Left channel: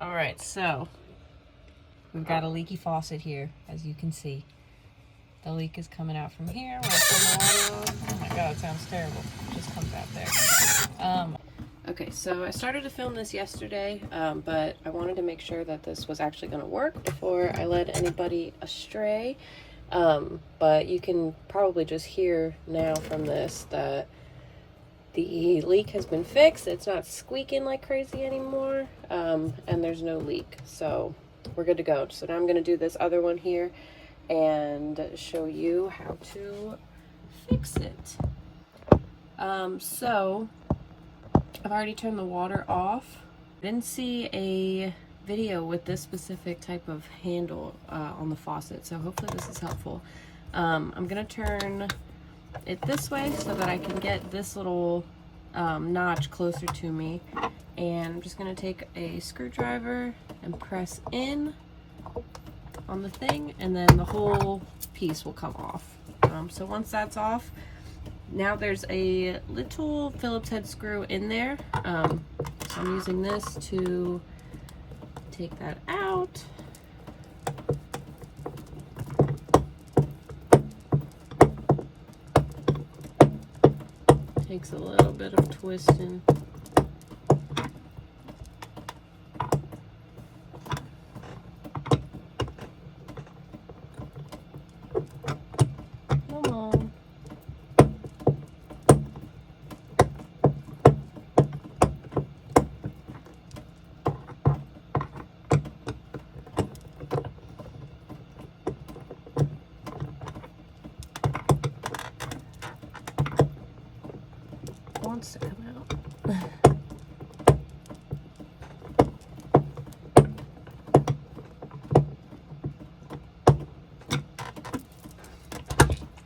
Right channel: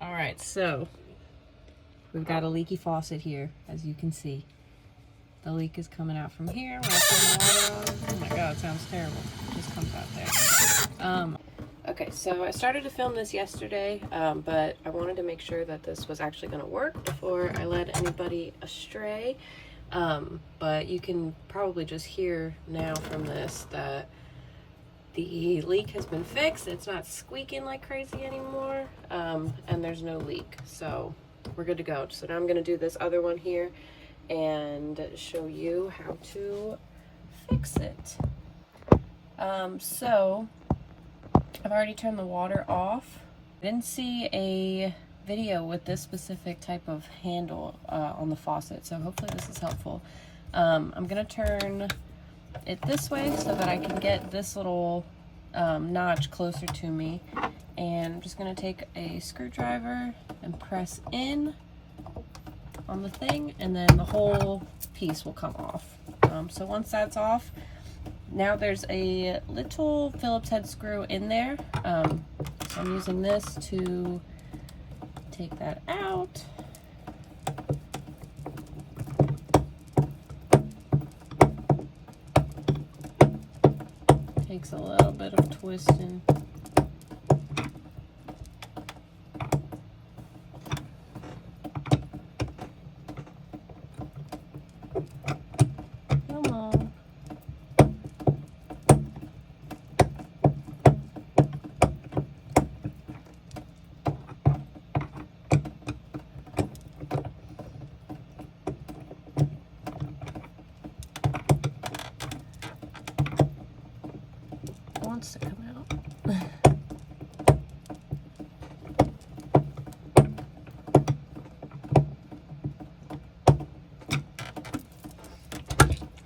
All right, so we've got a leaky faucet here, as you can see. The leak is coming out from here. When I turn the water on, oh my god, it sounds terrible. It just comes out there. Okay, so I started to film this yesterday, but I wanted to make sure that this was actually going to work before I led anybody astray. But you can probably just hear now from this that the leak has been fixed. It's not squeaking like crazy anymore, and there's no leak, so we're good to go. So now I'm going to do this other one here and show you how to fix it. So I've already turned the water off. I didn't see a video with this specific type of handle on the faucet, so hopefully this is helpful. I'm gonna turn it this way so that I can get this little notch closer to me, and I'm just gonna take a screwdriver and press in on the thing, and then the whole piece will come off. So once that's off, now there's a little Phillips head screw in there. So I'm using this to take that out. Takes a little bit of twisting. Come on. Wants to come out.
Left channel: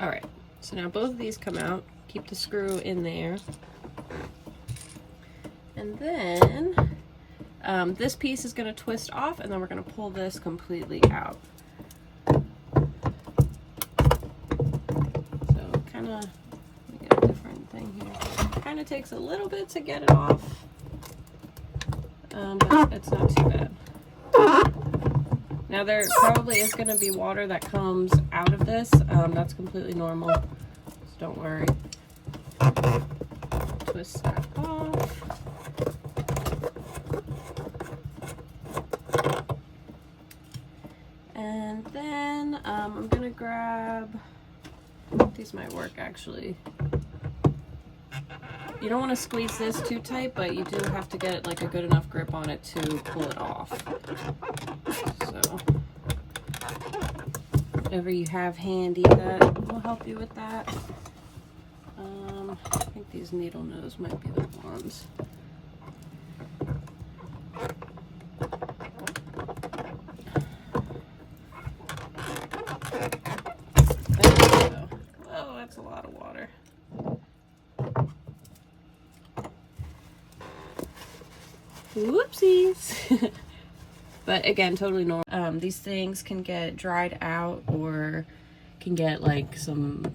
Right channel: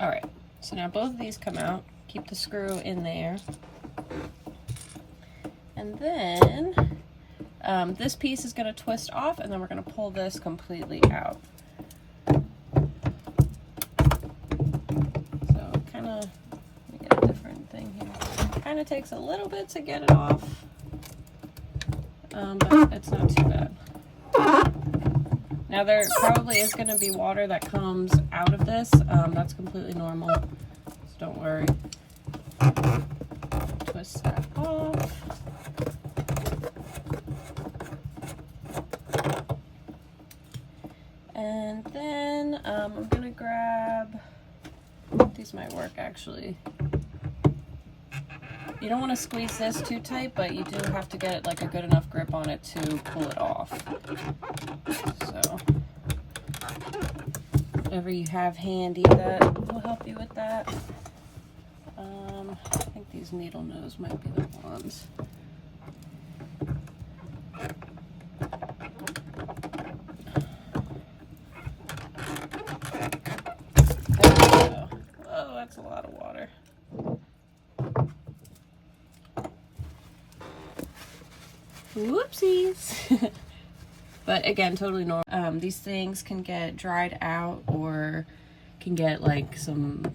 All right, so now both of these come out. Keep the screw in there, and then this piece is going to twist off, and then we're going to pull this completely out. So kind of, let me get a different thing here. Kind of takes a little bit to get it off, but it's not too bad. Now there probably is going to be water that comes out of this. That's completely normal, so don't worry. Twist that off. And then I'm going to grab, these might work actually. You don't want to squeeze this too tight, but you do have to get like a good enough grip on it to pull it off. So whatever you have handy that will help you with that. I think these needle nose might be the ones. There we go. Oh, that's a lot of water. Whoopsies. But again, totally normal. These things can get dried out or can get like some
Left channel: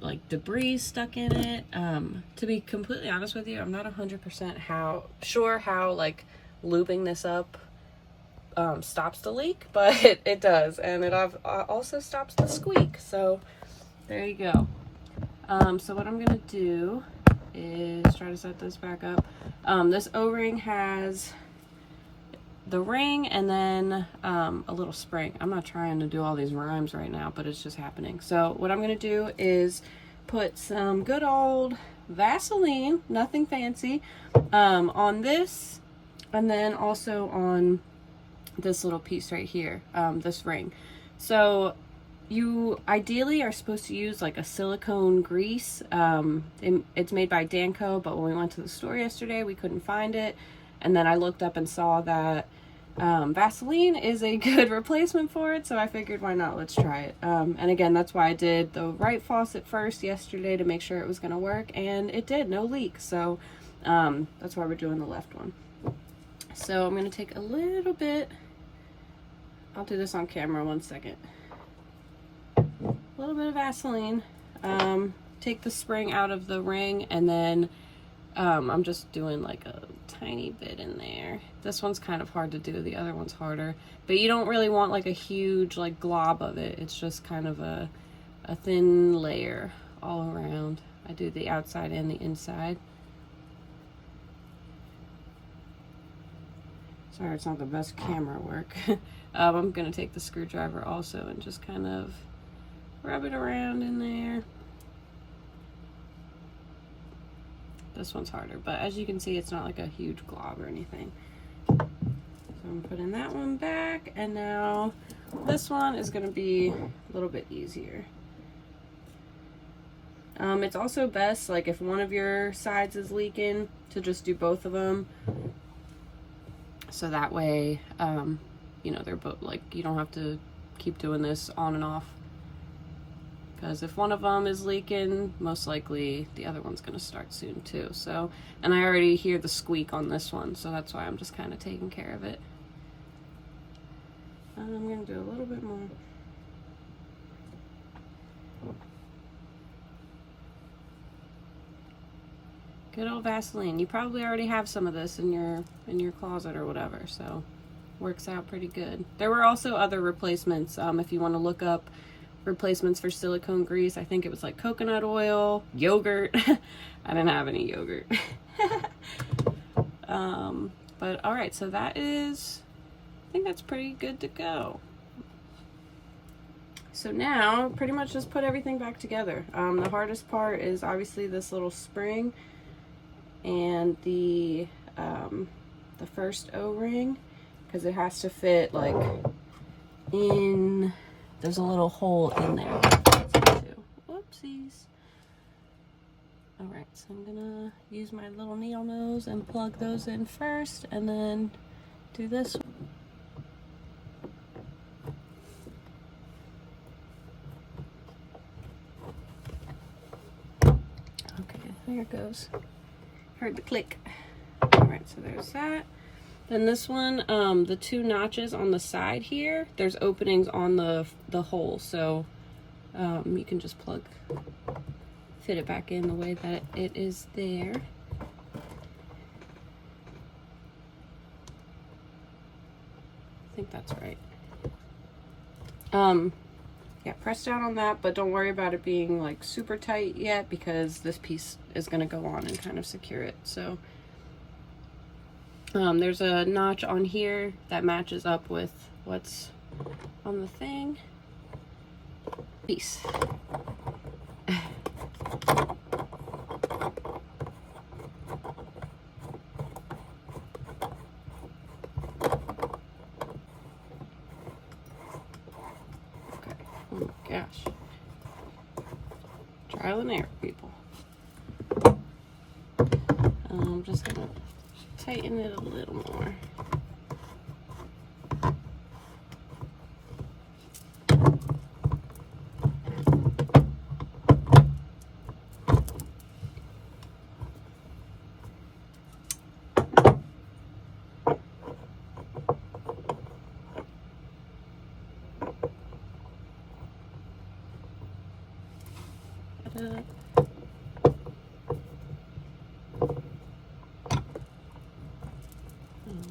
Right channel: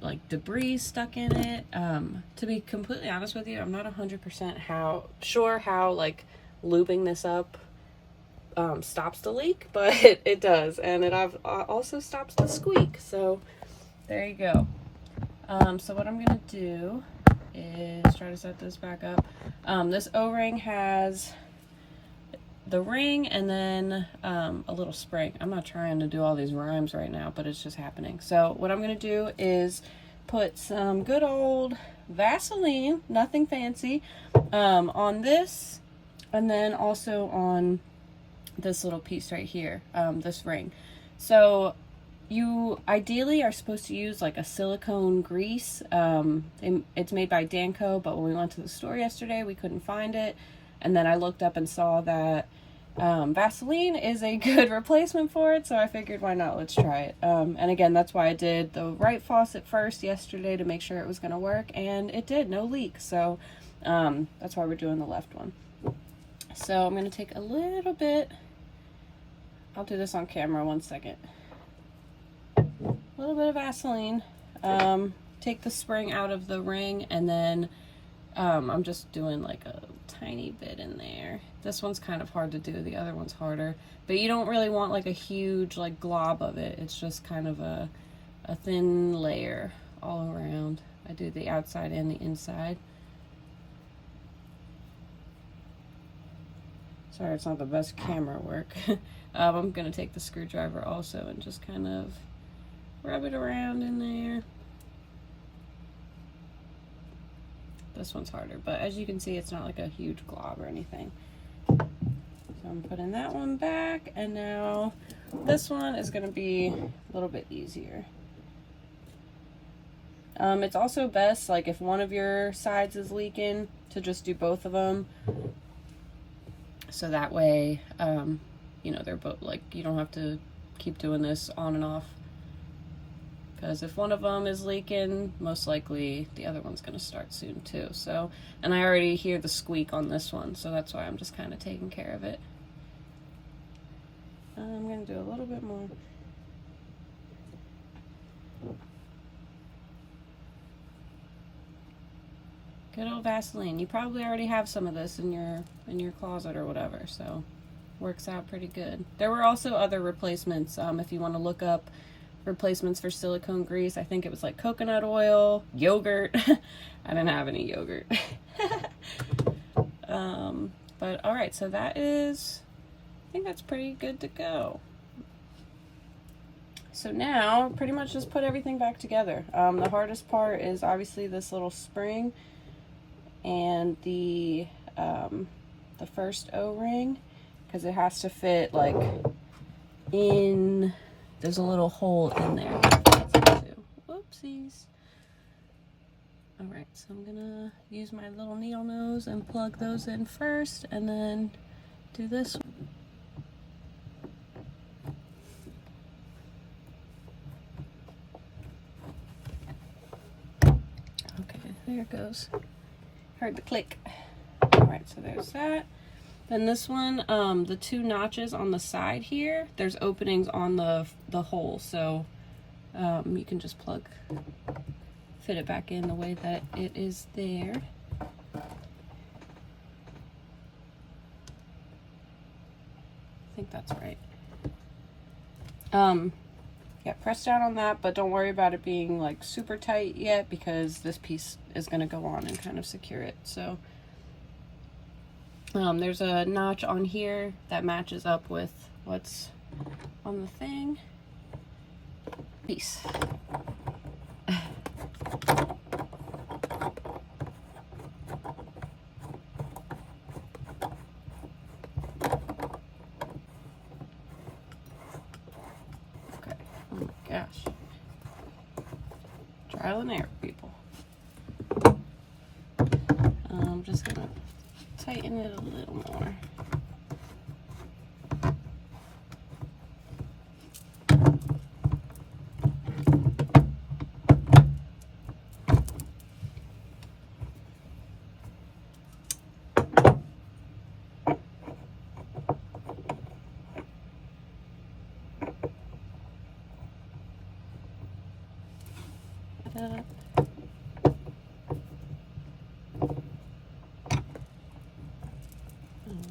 like debris stuck in it. To be completely honest with you, I'm not 100% sure how like lubing this up stops the leak, but it does, and it also stops the squeak. So there you go. So what I'm gonna do is try to set this back up. This O-ring has the ring and then a little spring. I'm not trying to do all these rhymes right now, but it's just happening. So what I'm going to do is put some good old Vaseline, nothing fancy, on this, and then also on this little piece right here, this ring. So you ideally are supposed to use like a silicone grease. It's made by Jayco, but when we went to the store yesterday, we couldn't find it. And then I looked up and saw that Vaseline is a good replacement for it, so I figured why not, let's try it. And again, that's why I did the right faucet first yesterday to make sure it was going to work, and it did, no leak. So that's why we're doing the left one. So I'm going to take a little bit, I'll do this on camera, one second. A little bit of Vaseline, take the spring out of the ring, and then I'm just doing like a tiny bit in there. This one's kind of hard to do, the other one's harder. But you don't really want like a huge like glob of it. It's just kind of a thin layer all around. I do the outside and the inside. Sorry, it's not the best camera work. I'm gonna take the screwdriver also and just kind of rub it around in there. This one's harder, but as you can see, it's not like a huge glob or anything. So I'm putting that one back, and now this one is gonna be a little bit easier. It's also best, like if one of your sides is leaking, to just do both of them. So that way, you know, they're both, like, you don't have to keep doing this on and off. Because if one of them is leaking, most likely the other one's going to start soon too. So, and I already hear the squeak on this one, so that's why I'm just kind of taking care of it. I'm going to do a little bit more. Good old Vaseline. You probably already have some of this in your closet or whatever, so works out pretty good. There were also other replacements. If you want to look up replacements for silicone grease, I think it was like coconut oil, yogurt. I didn't have any yogurt. But all right, so that is, I think that's pretty good to go. So now, pretty much just put everything back together. The hardest part is obviously this little spring and the first O-ring, because it has to fit like in. There's a little hole in there. Whoopsies. All right, so I'm gonna use my little needle nose and plug those in first, and then do this one. Okay, there it goes. Heard the click. All right, so there's that. Then this one, the two notches on the side here, there's openings on the hole, so you can just fit it back in the way that it is there. I think that's right. Yeah, press down on that, but don't worry about it being like super tight yet, because this piece is going to go on and kind of secure it. So there's a notch on here that matches up with what's on the thing. Peace. Oh my gosh. Trial and error, people. I'm just gonna tighten it a little more.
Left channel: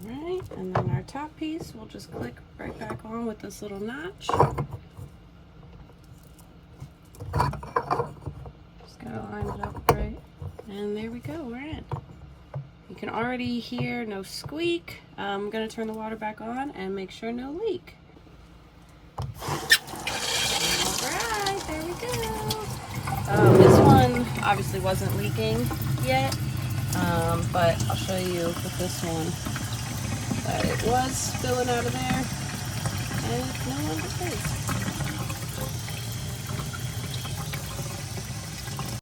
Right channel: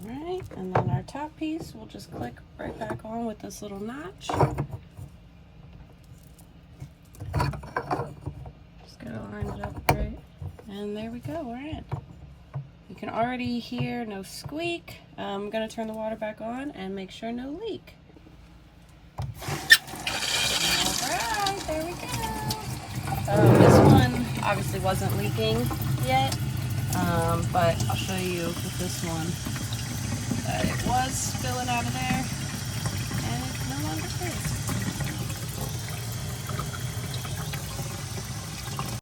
Alright, and then our top piece we'll just click right back on with this little notch. Just gotta line it up right. And there we go, we're in. You can already hear no squeak. I'm gonna turn the water back on and make sure no leak. Alright, there we go. This one obviously wasn't leaking yet, but I'll show you with this one that it was spilling out of there.